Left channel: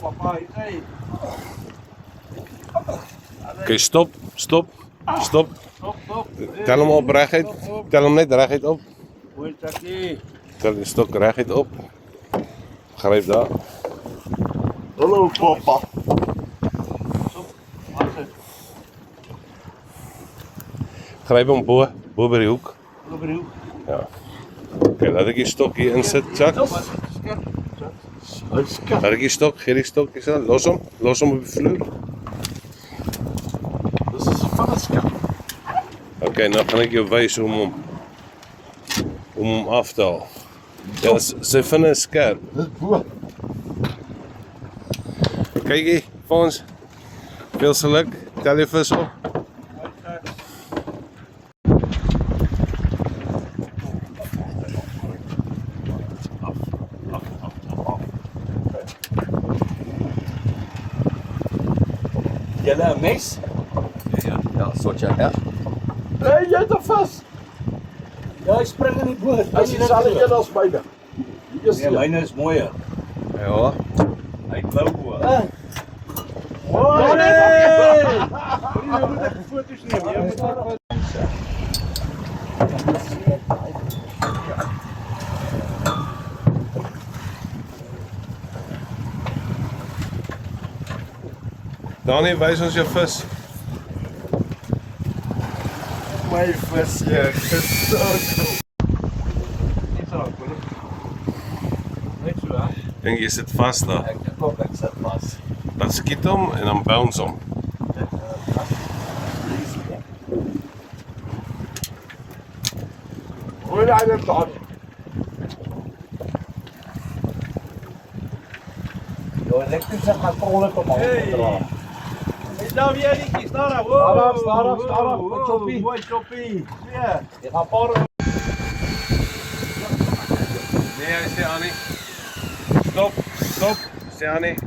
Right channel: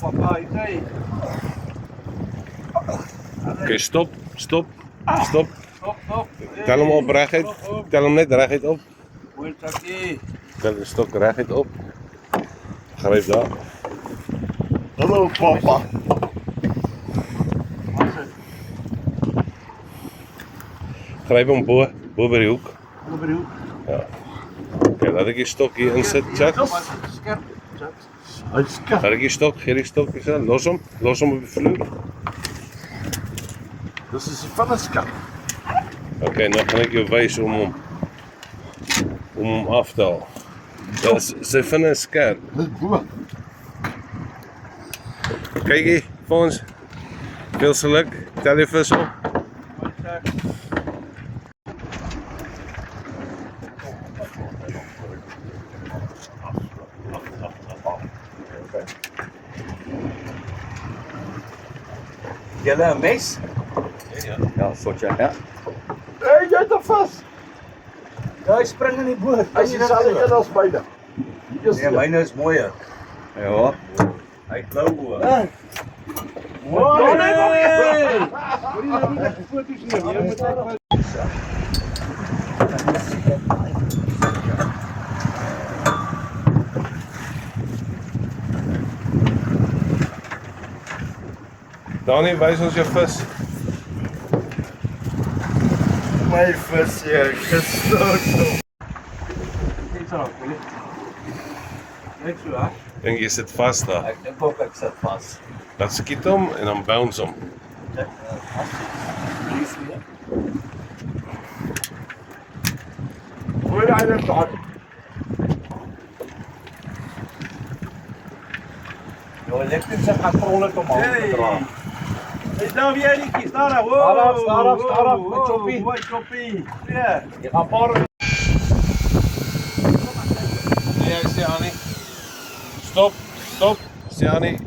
papa, Itay. Oké, stop. Stop. Stop. Tel hem op reguit. Tel hem net reguit op. Hoe dat die? Tel de stok reguit op. Grijp daar. Hallo papa. Grijp hem bo bij de hoek. Op de hoek. Ja. Oké, laat ik die stok hier in zitten, Jack. Scherp. Hij is kat. Laat ik die stok, geef die stok eens aan. Los hem op de vloer. Dat is van een skat. Oké, nou ga ik je wijzen om hem af te halen. Ja, ze vinden het scherp. Dat is boer. Kijk hier, Fons. Veel geluk. Tel je vis op. Julle een mes? Ja, soortje, ja. Hé, jy het hom vast. Ja, hy spring in die boot. Hy is dieselfde een als myne. Nee, myne is mooier. Ja. Hy klou hoor. Mooi. Nee! Moet je nou even foto's nemen? Je moet even... Dani, wijs ons je vis. My vis hier, gestoot. Net zo, hè? Denk je zit vast daar. Ek dink ook ek sit vas. Dan skiet hem en dan bounce hem. Gooi hy net daar. Jou elektrische gaan trollen om aan te dra. Is daar weer die kies? Daar, Staar af, met choppie. Mooi choppie. Ja. Jy gaan paar Nee, Stiani. Stop, stop, Stiani.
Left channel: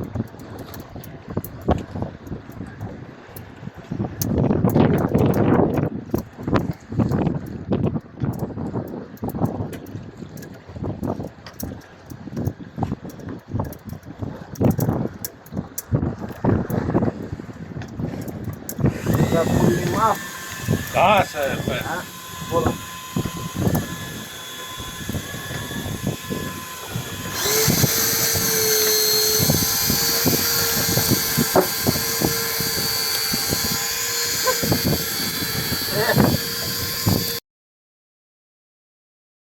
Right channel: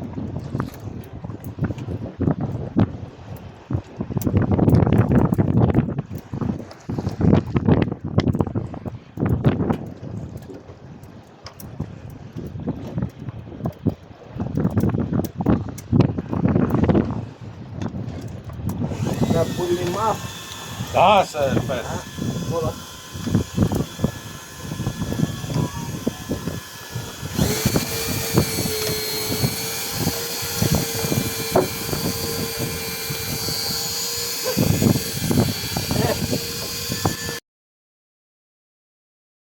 dat voel je hem af. Daar is vis. Voilà.